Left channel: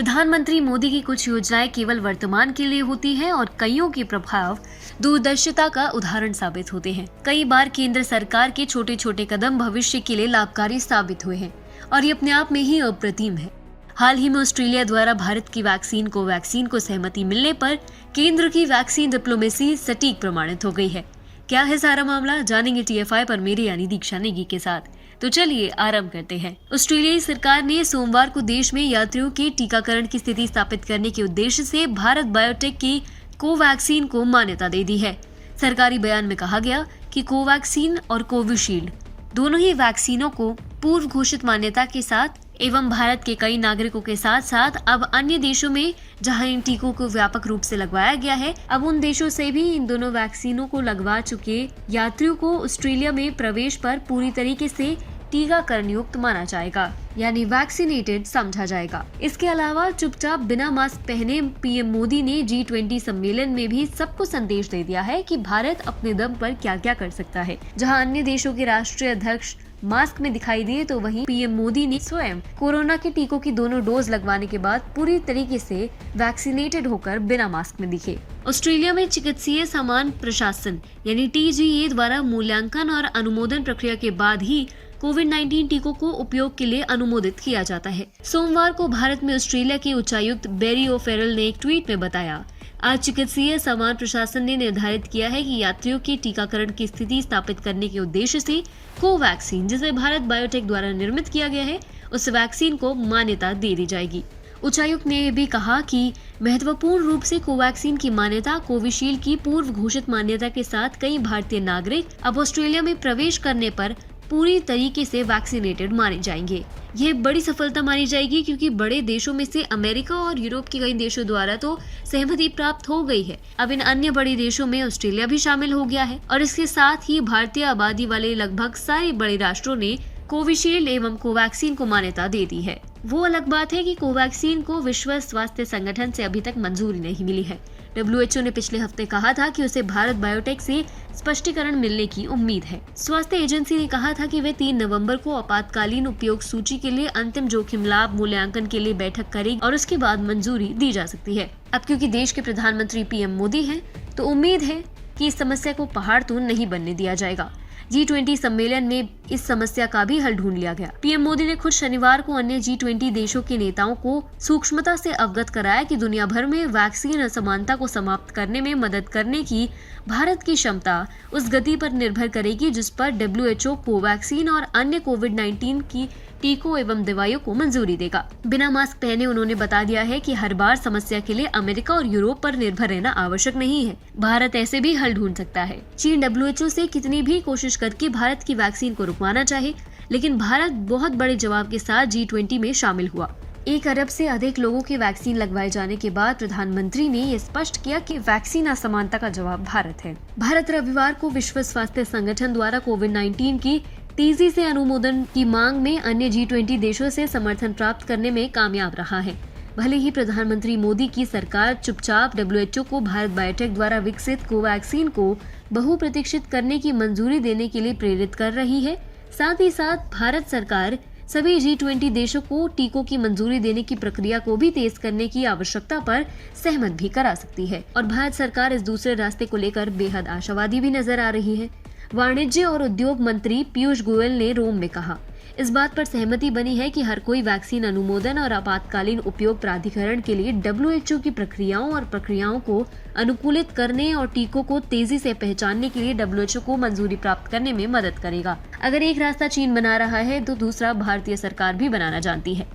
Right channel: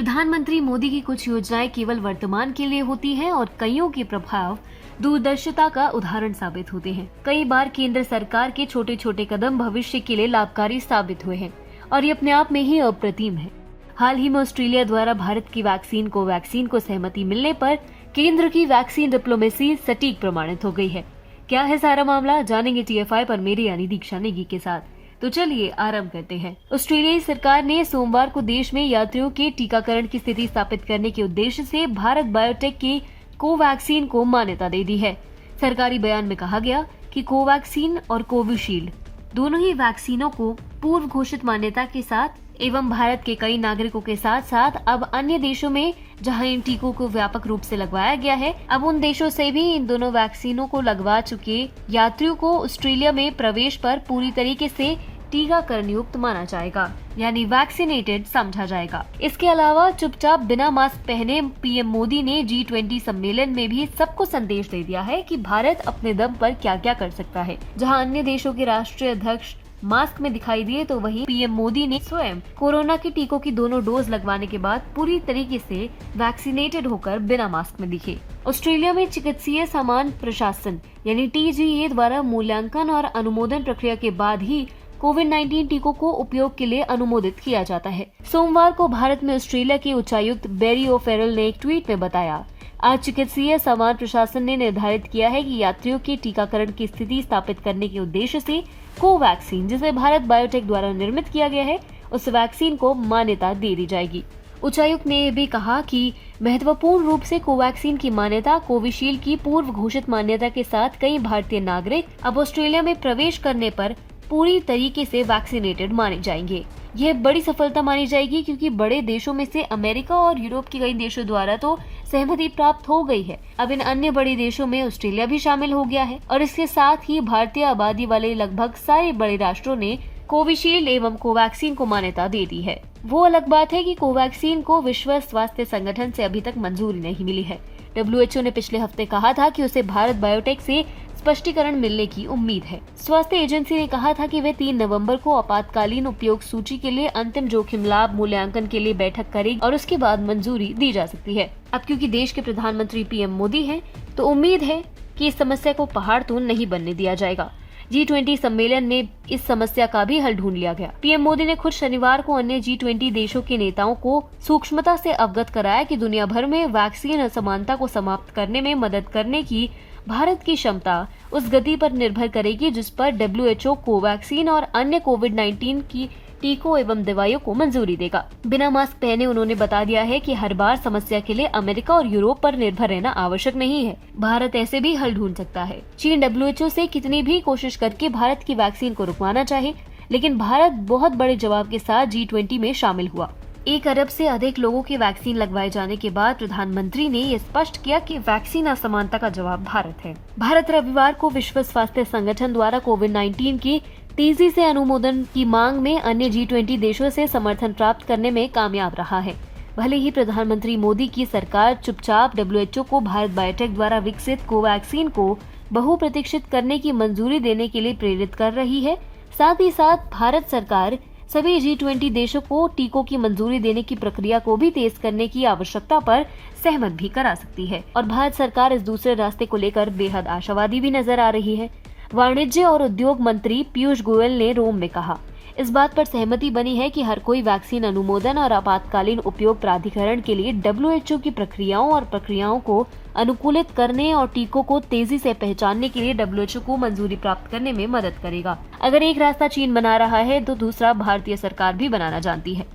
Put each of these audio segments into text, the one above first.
प्रधानमंत्री मोदी की कुछ योजनाएं केवल वर्तमान के लिए होती हैं और कईयों के प्रभाव दूरदर्शिता का उदाहरण साबित होते हैं। कई बार केंद्र सरकार के छोटे छोटे कदम भविष्य के लिए लाभकारी साबित हुए हैं और ये अपने आप में ही अप्रतिम है। हाल ही में ऑस्ट्रेलिया द्वारा भारत की वैक्सीन कोवैक्सीन को सहमति मिलने पर केंद्र की वैक्सीन डिप्लोमेसी सटीक प्रमाणित हो गई है। क्या है सारा मामला, जानेंगे TFI पर मेरे यानी दीक्षा नेगी के साथ। तो चलिए आरंभ करते हैं। ऑस्ट्रेलियाई सरकार ने सोमवार को देश में यात्रियों के टीकाकरण की स्थिति स्थापित करने के उद्देश्य से भारत बायोटेक की कोवैक्सीन को मान्यता दे दी है। सरकारी बयान में कहा गया कि कोवैक्सीन और कोविशील्ड दोनों ही वैक्सीनों को पूर्व घोषित मान्यता के साथ एवं भारत के कई नागरिकों के साथ साथ अब अन्य देशों में जहां इन टीकों को व्यापक रूप से लगवाया गया है, अब उन देशों से भी इन दोनों वैक्सीनों को लगवा चुके यात्रियों को ऑस्ट्रेलिया में प्रवेश पर पूरी तरीके से टीकाकरण युक्त माना जाएगा, यानी वैक्सीनेटेड समझा जाएगा। इसके अलावा चुपचाप बिना मास्क पहने PM मोदी ने G20 सम्मेलन में भी सबको संदेश दे दिया है कि भारत अपने दम पर क्या क्या कर सकता है। जहां अन्य देशों के राष्ट्रीय अध्यक्ष मास्क में दिखाई दिए, तो वहीं PM मोदी ने स्वयं कोरोना के टीकों की दोनों डोज लगवाने के बाद पूरी तरीके से वैक्सीनेटेड होकर बिना मास्क में दिखे। ऑस्ट्रेलिया में चिकित्सीय सामान प्रशासन यानी TGA द्वारा मूल्यांकन और अनुमोदन प्रक्रिया के बाद ही कोविड-19 टीकों को उपयोग के लिए अनुमोदित किया जाता है। सोमवार को भारत में ऑस्ट्रेलिया के उच्चायुक्त बेरी ओफेरल ने एक ट्वीट में बताया, आज चिकित्सीय सामान प्रशासन ने निर्धारित किया है कि यात्रियों के टीकाकरण की स्थिति स्थापित करने के उद्देश्य से कोवैक्सीन, जिसे भारत बायोटेक द्वारा निर्मित किया गया है, उस वैक्सीन को मान्यता दे दी जाएगी। उच्चायुक्त ने यह भी कहा कि महत्वपूर्ण रूप से कोवैक्सीन की मान्यता कोविशील्ड की पूर्व घोषित मान्यता के साथ कई भारतीय नागरिक अब ऑस्ट्रेलिया में प्रवेश करने पर पूरी तरीके से वैक्सीनेटेड माने जाएंगे। यह बड़ी सफलता मानी जाएगी क्योंकि बड़े देशों में से अमेरिका और यूरोप के कई देशों द्वारा तो सहमति प्राप्त हो गई है। अब इन अन्य बड़े देशों में ऑस्ट्रेलिया भी शामिल हो गया है और इसके साथ ही भारतीय आबादी वाले लगभग सारे बड़े राष्ट्रों ने कोविशील्ड एवं कोवैक्सीन को मान्यता दे दी है। वो अलग बात है कि कोवैक्सीन को विश्व स्वास्थ्य संगठन से अभी तक मंजूरी नहीं मिली है। WHO ने पिछले हफ्ते कहा था कि उसे भारत बायोटेक से स्पष्टीकरण मिलने की उम्मीद है। स्वास्थ्य एजेंसी ने कहा था कि वे 3 नवंबर को आपातकालीन उपयोग सूची के लिए अंतिम जोखिम लाभ मूल्यांकन के लिए बैठक करेगी और उसके बाद मंजूरी दी जा सकती है। अब क्योंकि देश के प्रधानमंत्री PM मोदी हैं, तो उम्मीद है कि इस समस्या को पहाड़ तो नहीं बनने दिया जाएगा। G20 सम्मेलन में इस समस्या का भी हल ढूंढ लिया गया। PM मोदी ने खुद शनिवार को अन्य G20 देशों के नेताओं को सूक्ष्मता से अवगत कराया कि दुनिया भर में वैक्सीन असमानता को समाप्त करने में मदद करने की भारत की क्षमता उस गति पर निर्भर करेगी जिस पर WHO कोवैक्सीन और अन्य कोविड-19 की टीकों एवं दवाइयों को मंजूरी देगा। बिना मास्क पहने उन्होंने बता दिया है कि हर बार समस्या के लिए अमेरिका और यूरोप पर निर्भर रहना आवश्यक नहीं है। भारत ऐसे भी हल ढूंढ सकता है। चीन WHO से कितनी भी कोशिश करके भारत की वैक्सीन को रुकवाना चाहे, लेकिन भारत बहुत बड़े जवाब के साथ G20 में शामिल हुआ। 1 अरब से अधिक लोगों के वैक्सीन लगवाए जाने के बाद प्रधानमंत्री ने ये स्पष्ट किया कि वैक्सीन असमानता का जवाब भारत है। भारत रविवार को विश्व स्वास्थ्य संगठन द्वारा कोविड-19 की तेजी से अनुमोदन की मांग में अन्य G20 देशों से समर्थन प्राप्त करने में कामयाब रहा है। भले ही प्रधानमंत्री मोदी की सरकार चुपचाप WHO को भारत बायोटेक द्वारा विकसित कोवैक्सीन को बहुप्रतीक्षित करने की मंजूरी देने के लिए प्रेरित कर रही है, साथ ही साथ भारत सरकार सभी G20 देशों को टीकों की मंजूरी देने की प्रक्रिया को भी तेज करने की आवश्यकता पर सहमत भी करा सकती है और भारत सरकार इस दूसरे रास्ते को लेकर बेहद आशावादी भी नजर आ रही है। वाणिज्य और उद्योग मंत्री पीयूष गोयल ने रोम में कहा, इस बात पर सहमति बनी है कि हर कोई वैक्सीन अनुमोदन और आपातकालीन उपयोग प्राधिकरण के लिए WHO की प्रक्रियाओं को अनुकूलित करने और टीकों को तेजी से पहचानने के लिए WHO को मंजूरी प्राप्त करने में मदद करेगा। अगर एक रास्ता चीन बना रहा है तो दूसरा भारतीय सरकार भी बनाना जानती है।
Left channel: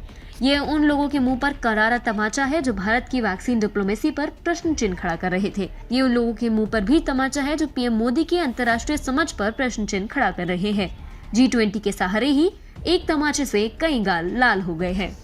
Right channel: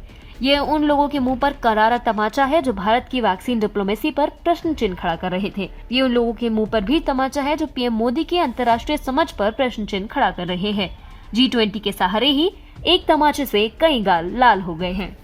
ये उन लोगों के मुंह पर करारा तमाचा है जो भारत की वैक्सीन डिप्लोमेसी पर प्रश्न चिन्ह खड़ा कर रहे थे। ये उन लोगों के मुंह पर भी तमाचा है जो PM मोदी की अंतर्राष्ट्रीय समझ पर प्रश्न चिन्ह खड़ा कर रहे हैं। G20 के सहारे ही एक तमाचे से कई गाल लाल हो गए हैं।